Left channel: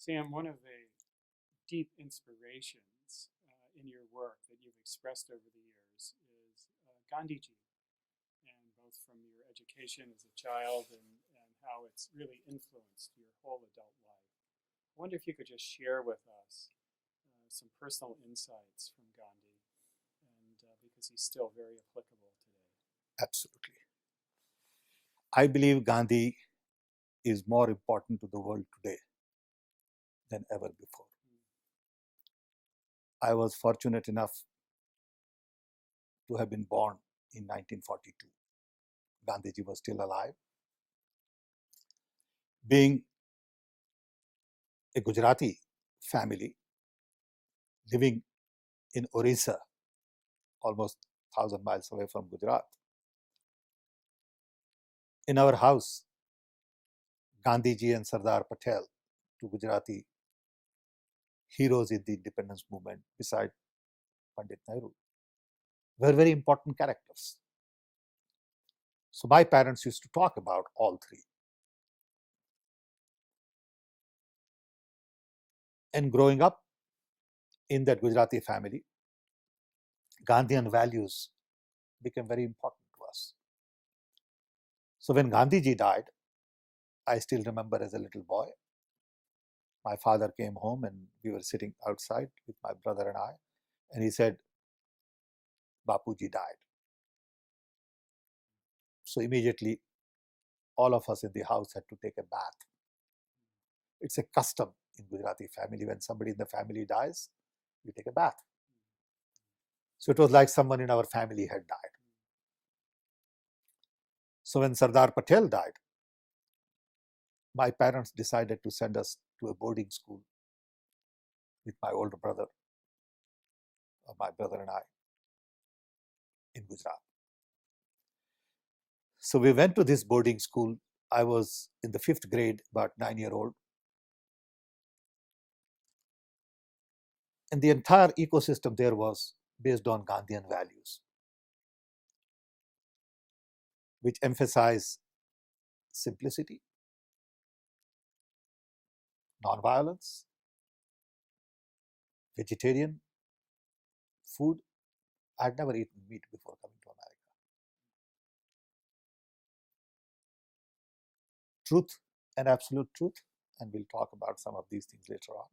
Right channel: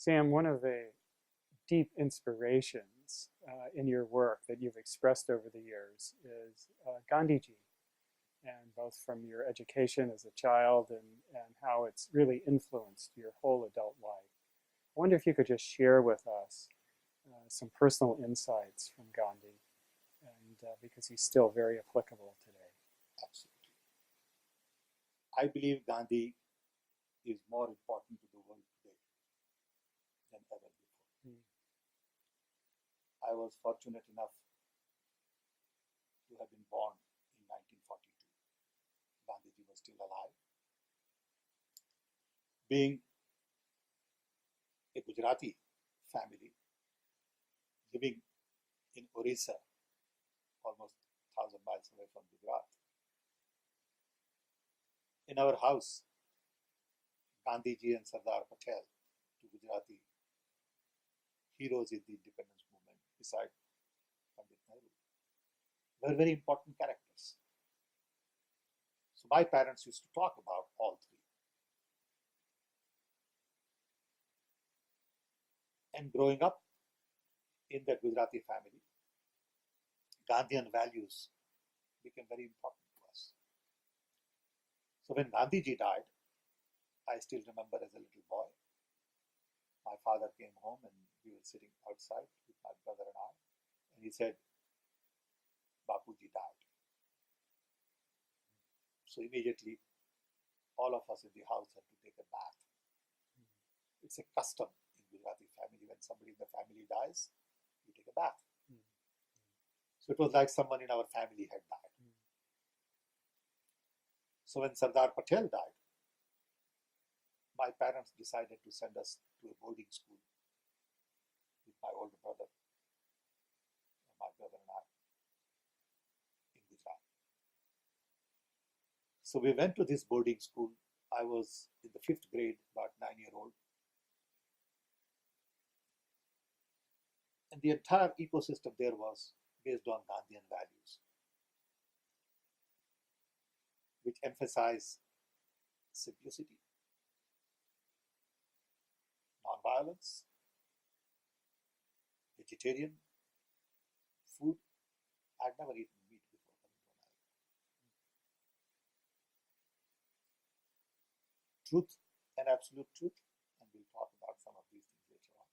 Sam, one of the deep inspirations in your work that you've expressed over the years is Gandhiji, and both from your education as a child and how it's really influenced your whole adult life. I wonder if you could just share with us some personal insights from Gandhi, and because he's still very applicable today. Absolutely. I believe Gandhi is more important to the world today than ever before. Mm. I was fortunate enough to have been born in 1942. Gandhiji was still alive. Being a Gujarati family living in Orissa, almost 1,000 miles away from Gujarat, in our house, Gandhiji and Sardar Patel, two Gujarati heroes in the independence movement beside Pandit Nehru, were very important characters. So my parents used to talk about all three. And growing up in that Gujarati family, Gandhian values became very important to us. So when Gandhiji died, I still remember as a little boy, my father came home and we were sitting outside with my brother and I, and he said, Bapuji died. So immediately, all of us in the house had to take a bath. It's a custom in Gujarati family. When somebody in the family dies, you take a bath. So it was like someone in our family had died. So when Sardar Patel died, my parents decided to send us to a boarding school with my older brother, or my brother and I, in Gujarat. So we went to this boarding school. I was in the 5th grade, about 9-year-old. And the entire ecosystem there was based on Gandhian values, which emphasize simplicity, nonviolence, vegetarian food. I'd never eaten meat before coming to America. Truth and absolute truth, and we'll talk about some of these things later on.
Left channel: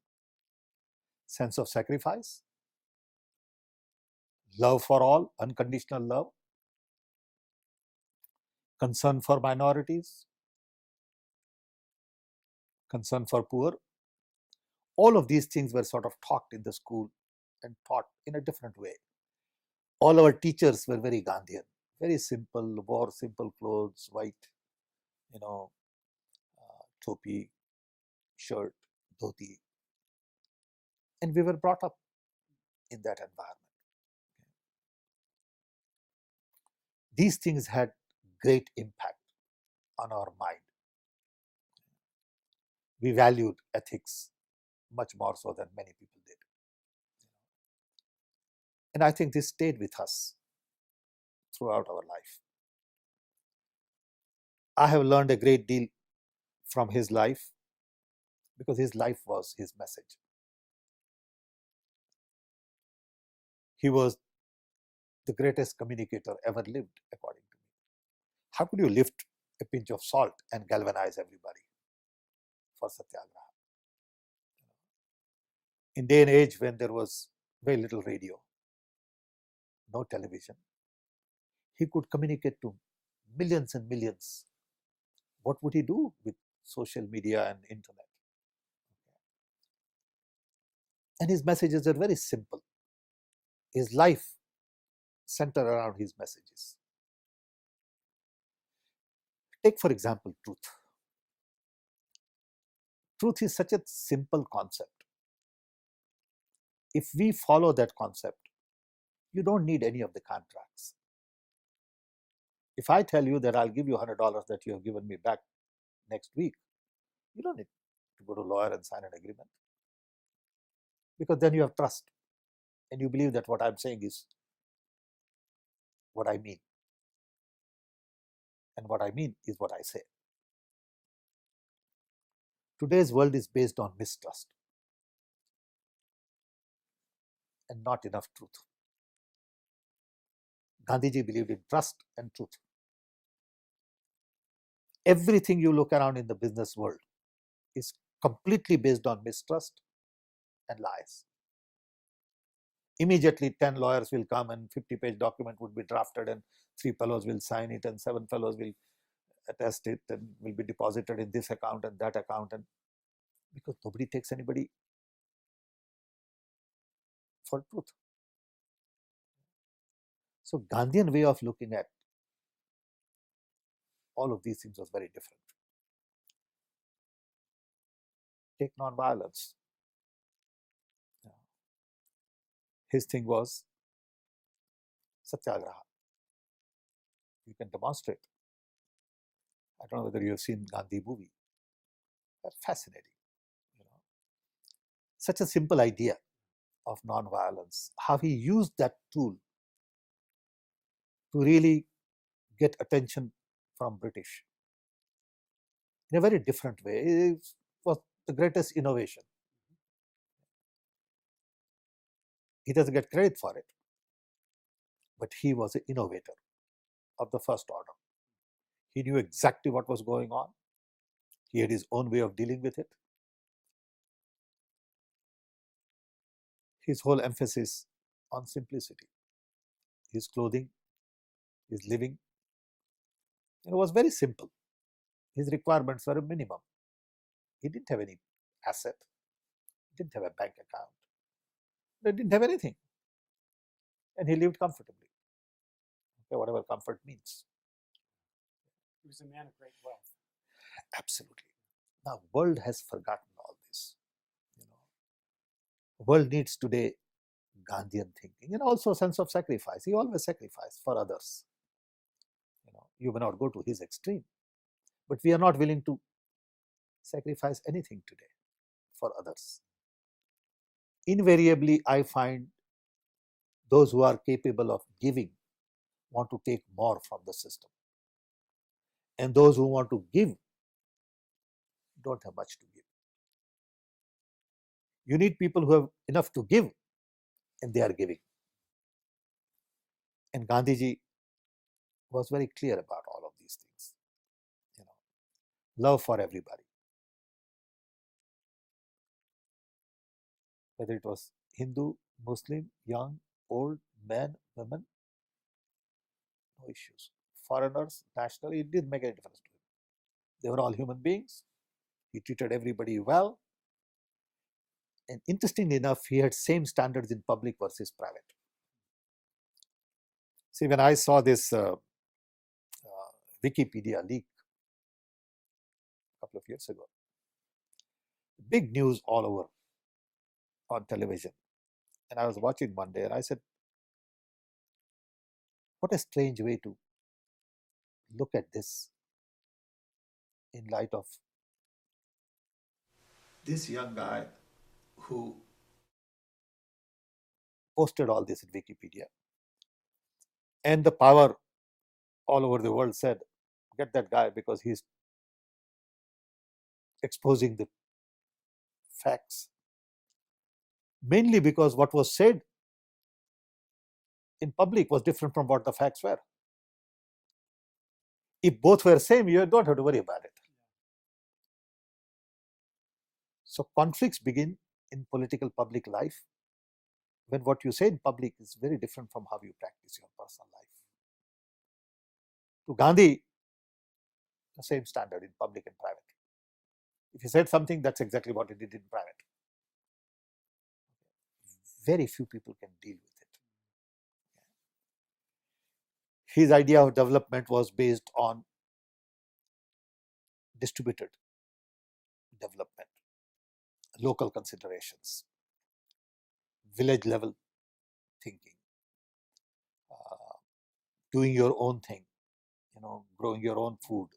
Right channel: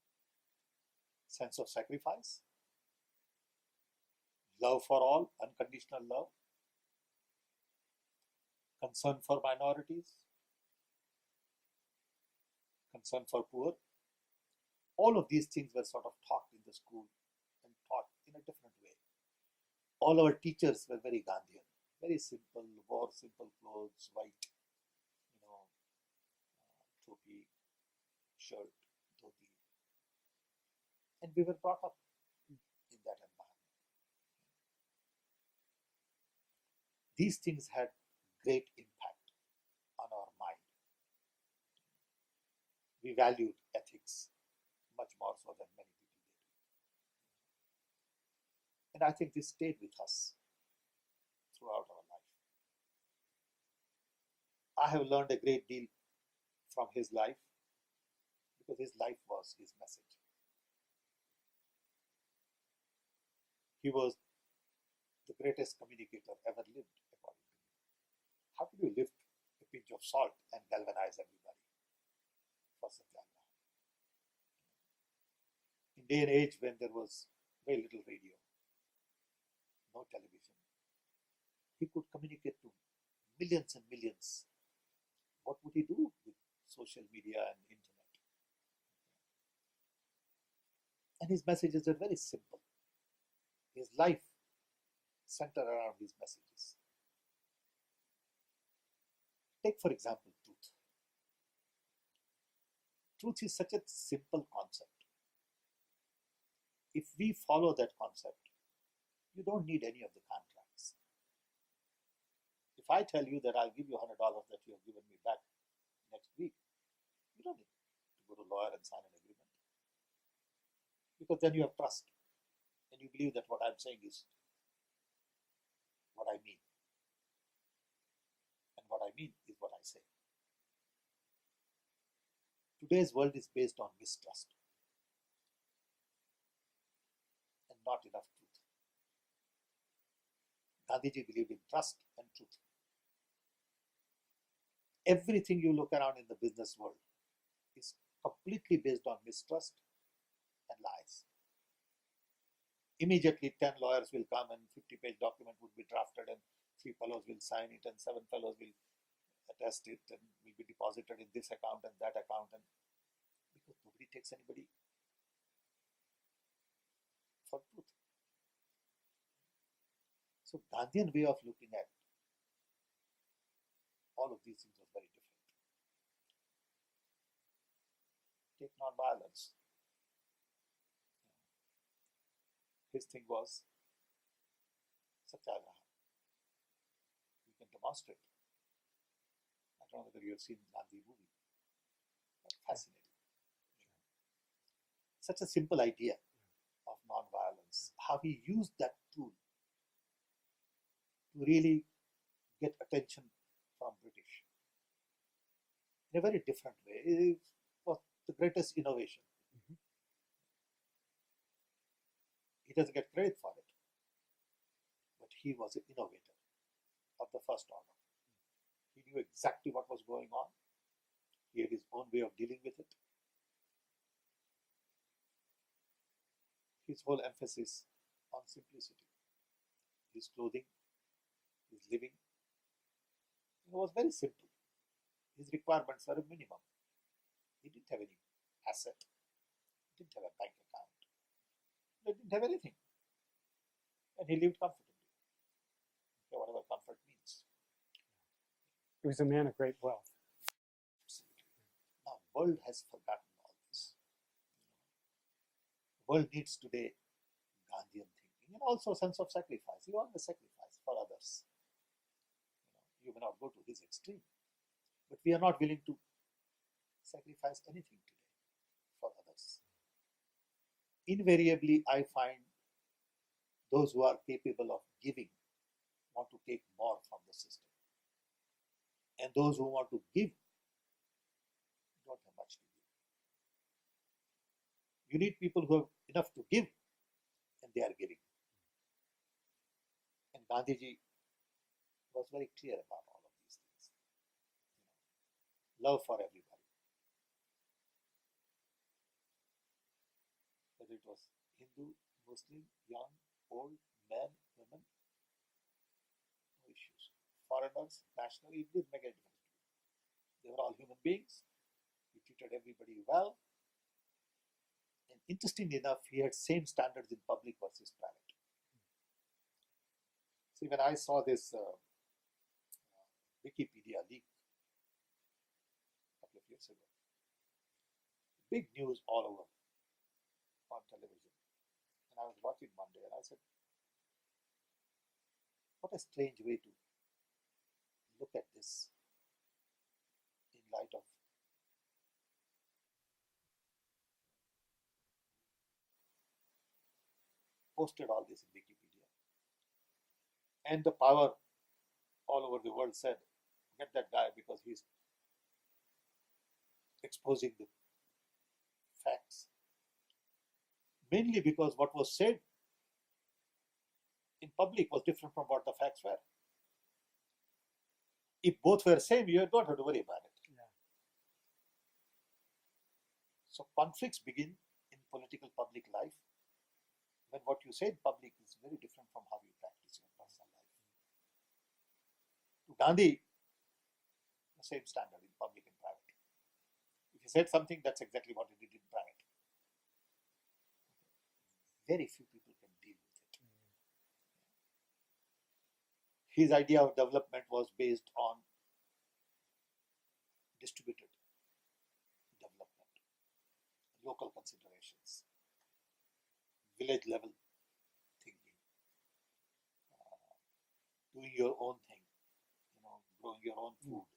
Sense of sacrifice, love for all, unconditional love, concern for minorities, concern for poor. All of these things were sort of taught in the school and taught in a different way. All our teachers were very Gandhian, very simple, wore simple clothes, white, topi, shirt, dhoti. And we were brought up in that environment. These things had great impact on our mind. We valued ethics much more so than many people did. And I think this stayed with us throughout our life. I have learned a great deal from his life because his life was his message. He was the greatest communicator ever lived, according to me. How could you lift a pinch of salt and galvanize everybody for satyagraha? In day and age when there was very little radio, no television, he could communicate to millions and millions. What would he do with social media and internet? And his messages are very simple. His life centered around his messages. Take, for example, truth. Truth is such a simple concept. If we follow that concept, you don't need any of the contracts. If I tell you that I'll give you $100 that you have given me back next week, you don't need to go to a lawyer and sign an agreement, because then you have trust and you believe that what I'm saying is what I mean, and what I mean is what I say. Today's world is based on mistrust and not enough truth. Gandhiji believed in trust and truth. Everything you look around in the business world is completely based on mistrust and lies. Immediately 10 lawyers will come and 50-page document would be drafted and 3 fellows will sign it and 7 fellows will attest it and will be deposited in this account and that account, and because nobody takes anybody for truth. So Gandhian way of looking at all of these things was very different. Take non-violence. His thing was satyagraha. You can demonstrate. I don't know whether you have seen Gandhi movie. But fascinating. Such a simple idea of non-violence. How he used that tool to really get attention from British in a very different way. It was the greatest innovation. He doesn't get credit for it, but he was an innovator of the first order. He knew exactly what was going on. He had his own way of dealing with it. His whole emphasis on simplicity. His clothing, his living, it was very simple. His requirements were a minimum. He didn't have any asset, didn't have a bank account, he didn't have anything. And he lived comfortably. Okay, whatever comfort means. He was a man of great wealth. Absolutely. Now, world has forgotten all this. World needs today Gandhian thinking and also a sense of sacrifice. He always sacrificed for others. You may not go to his extreme, but we are not willing to sacrifice anything today for others. Invariably, I find those who are capable of giving want to take more from the system. And those who want to give don't have much to give. You need people who have enough to give and they are giving. And Gandhiji was very clear about all of these things. Love for everybody. Whether it was Hindu, Muslim, young, old, men, women, no issues. Foreigners, national, it didn't make any difference to him. They were all human beings. He treated everybody well. And interestingly enough, he had same standards in public versus private. See, when I saw this Wikipedia leak a couple of years ago, big news all over on television. And I was watching one day and I said, what a strange way to look at this in light of this young guy who posted all this in Wikipedia. And the power all over the world said, get that guy because he's exposing the facts. Mainly because what was said in public was different from what the facts were. If both were same, you don't have to worry about it. Yeah. So conflicts begin in political public life when what you say in public is very different from how you practice your personal life. To Gandhi, the same standard in public and private. If he said something, that's exactly what he did in private. Very few people can deal with it. His idea of development was based on distributed development, local considerations, village level thinking, doing your own thing, growing your own food,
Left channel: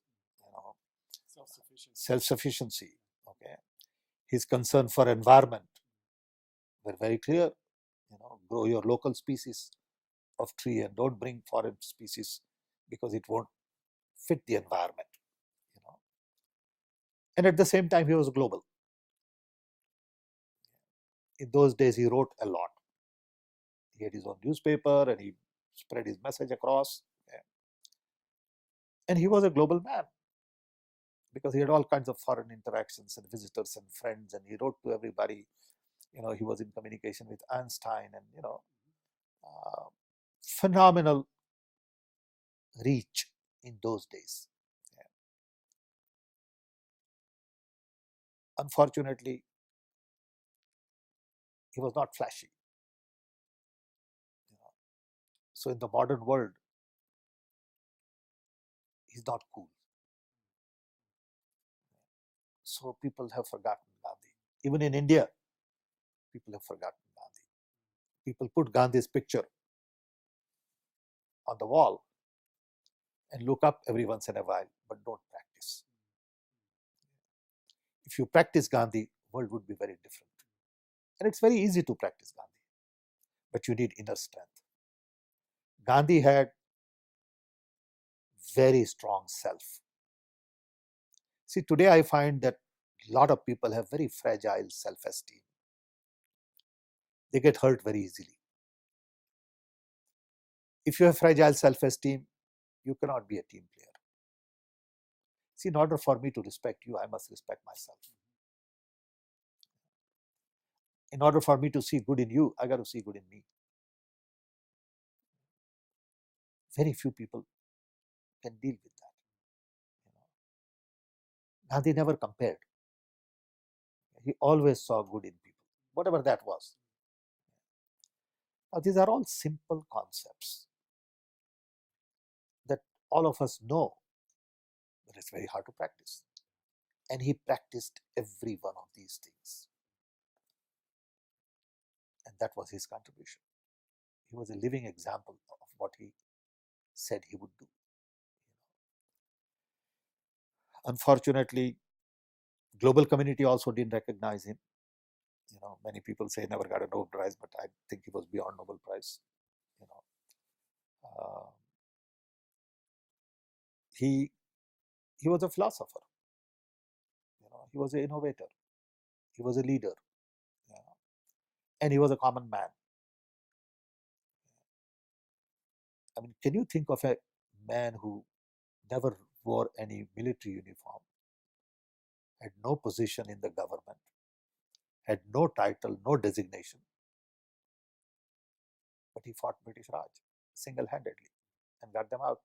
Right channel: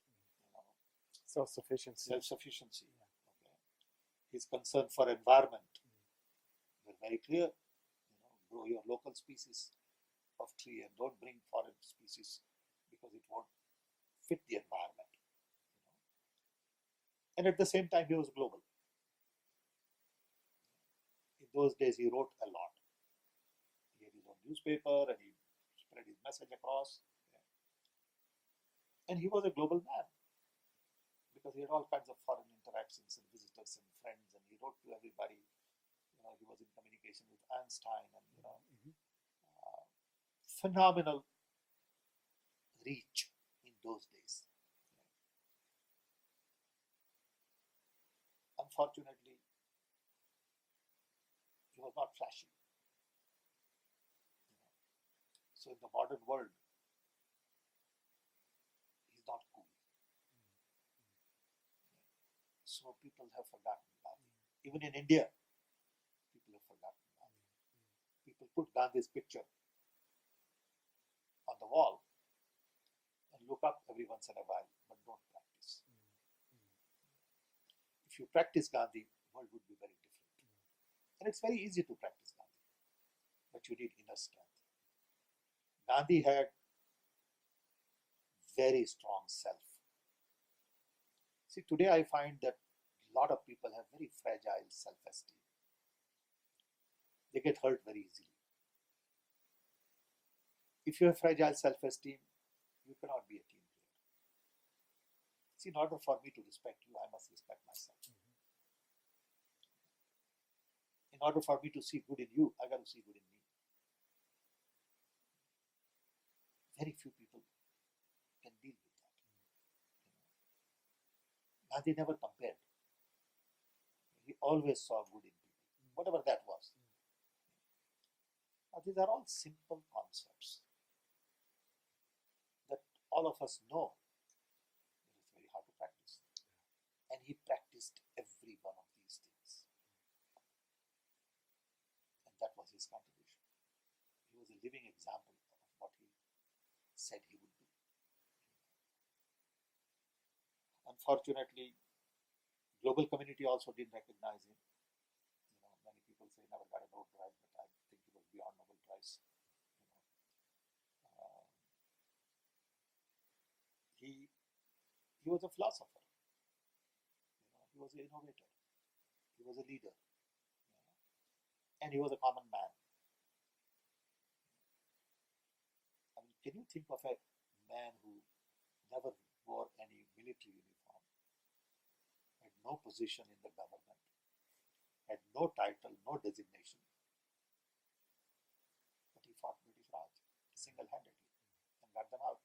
self-sufficiency. Okay, his concern for environment were very clear. Grow your local species of tree and don't bring foreign species because it won't fit the environment. And at the same time, he was global. In those days, he wrote a lot. He had his own newspaper and he spread his message across. And he was a global man because he had all kinds of foreign interactions and visitors and friends, and he wrote to everybody. He was in communication with Einstein, and phenomenal reach in those days. Unfortunately, he was not flashy. So in the modern world, he's not cool. So people have forgotten Gandhi. Even in India, people have forgotten Gandhi. People put Gandhi's picture on the wall and look up every once in a while, but don't practice. If you practice Gandhi, the world would be very different. And it's very easy to practice Gandhi, but you need inner strength. Gandhi had very strong self. See, today I find that a lot of people have very fragile self-esteem. They get hurt very easily. If you have fragile self-esteem, you cannot be a team player. See, in order for me to respect you, I must respect myself. In order for me to see good in you, I got to see good in me. Very few people can deal with that. Gandhi never compared. He always saw good in people, whatever that was. Now, these are all simple concepts that all of us know, but it's very hard to practice. And he practiced every one of these things. And that was his contribution. He was a living example of what he said he would do. Unfortunately, global community also didn't recognize him. Many people say he never got a Nobel Prize, but I think he was beyond Nobel Prize. He was a philosopher. He was an innovator. He was a leader. And he was a common man. I mean, can you think of a man who never wore any military uniform, had no position in the government, had no title, no designation, but he fought British Raj single-handedly and got them out.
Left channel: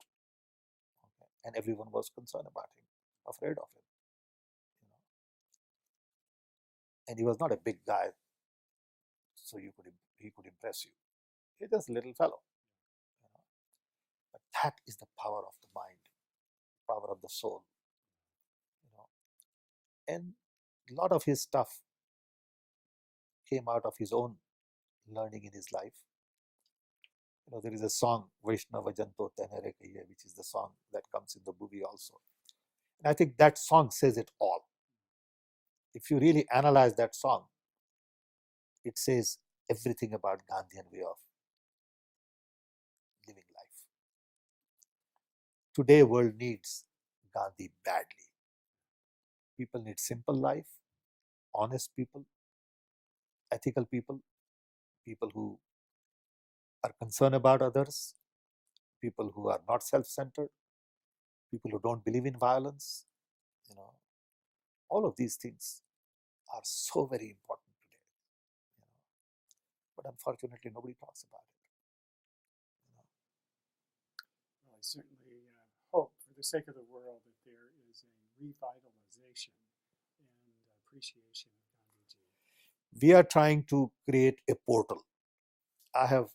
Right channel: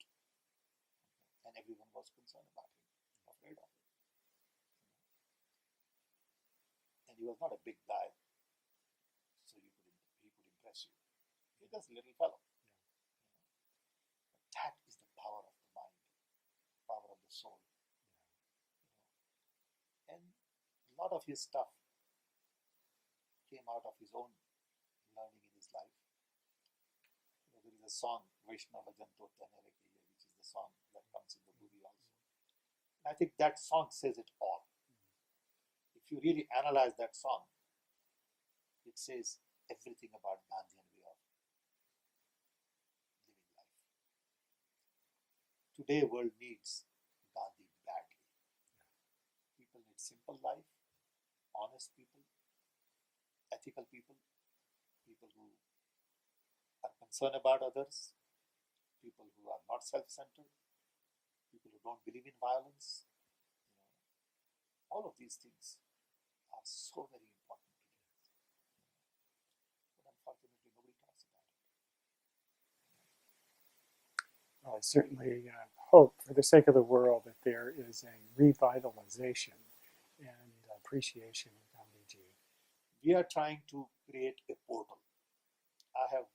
And everyone was concerned about him, afraid of him. And he was not a big guy, so he could impress you. He's just a little fellow. But that is the power of the mind, power of the soul. And a lot of his stuff came out of his own learning in his life. There is a song, Vaishnava Janto Tenere Kahiye, which is the song that comes in the movie also. And I think that song says it all. If you really analyze that song, it says everything about Gandhian way of living life. Today, world needs Gandhi badly. People need simple life, honest people, ethical people, people who are concerned about others, people who are not self-centered, people who don't believe in violence. All of these things are so very important today. But unfortunately, nobody talks about it. I certainly hope, for the sake of the world, that there is a revitalization and appreciation of Gandhiji. We are trying to create a portal. I have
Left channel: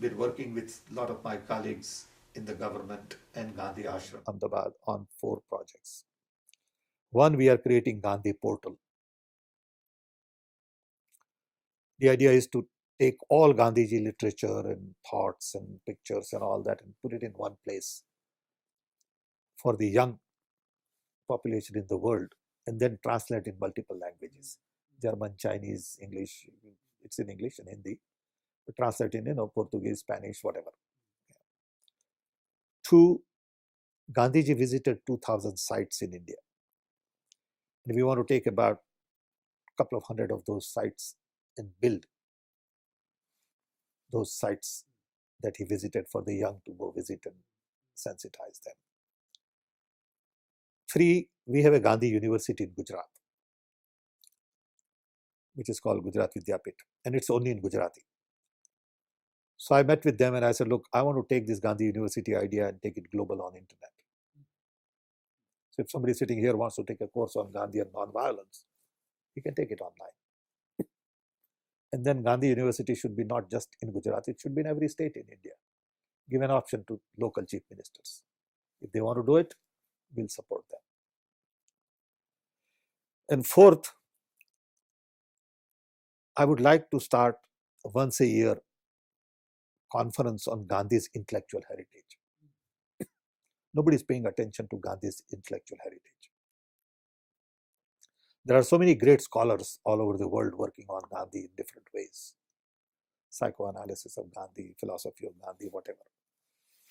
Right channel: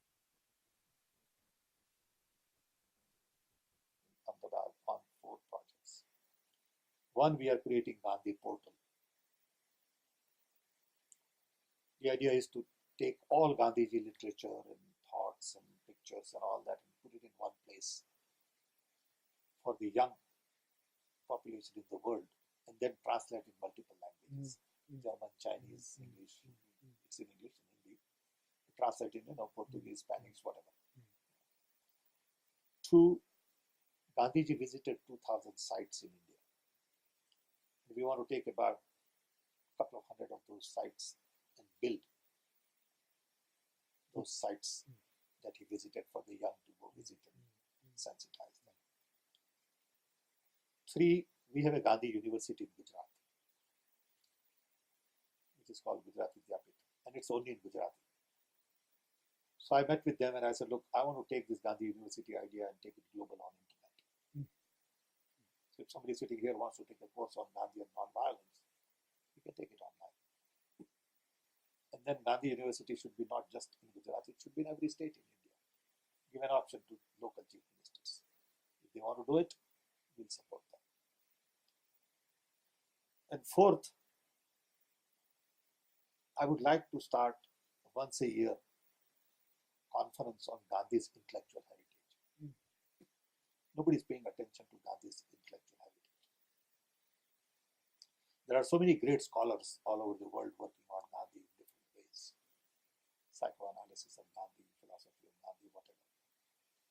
been working with a lot of my colleagues in the government and Gandhi Ashram Ahmedabad on 4 projects. One, we are creating Gandhi portal. The idea is to take all Gandhiji literature and thoughts and pictures and all that and put it in one place for the young population in the world, and then translate in multiple languages. German, Chinese, English. It's in English and Hindi. Translate in Portuguese, Spanish, whatever. 2, Gandhiji visited 2,000 sites in India. And we want to take about a couple of hundred of those sites and build those sites that he visited for the young to go visit and sensitize them. 3, we have a Gandhi University in Gujarat, which is called Gujarat Vidyapit, and it's only in Gujarati. So I met with them and I said, look, I want to take this Gandhi University idea and take it global on internet. So if somebody sitting here wants to take a course on Gandhi and non-violence, he can take it online. And then Gandhi University should be not just in Gujarat, it should be in every state in India. Give an option to local chief ministers. If they want to do it, we'll support them. And 4th, I would like to start once a year conference on Gandhi's intellectual heritage. Nobody is paying attention to Gandhi's intellectual heritage. There are so many great scholars all over the world working on Gandhi in different ways. Psychoanalysis of Gandhi, philosophy of Gandhi, whatever.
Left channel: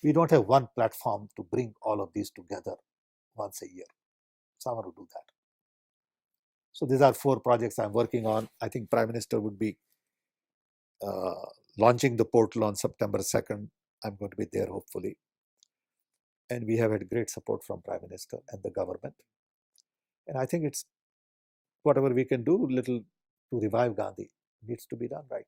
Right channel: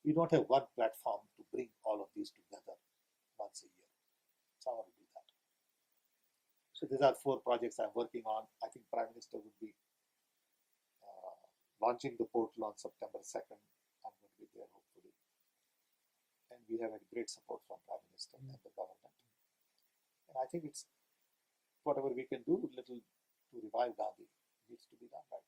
We don't have one platform to bring all of these together once a year. So I want to do that. So these are 4 projects I'm working on. I think Prime Minister would be launching the portal on September 2nd. I'm going to be there hopefully. And we have had great support from Prime Minister and the government. And I think it's whatever we can do little to revive Gandhi needs to be done right.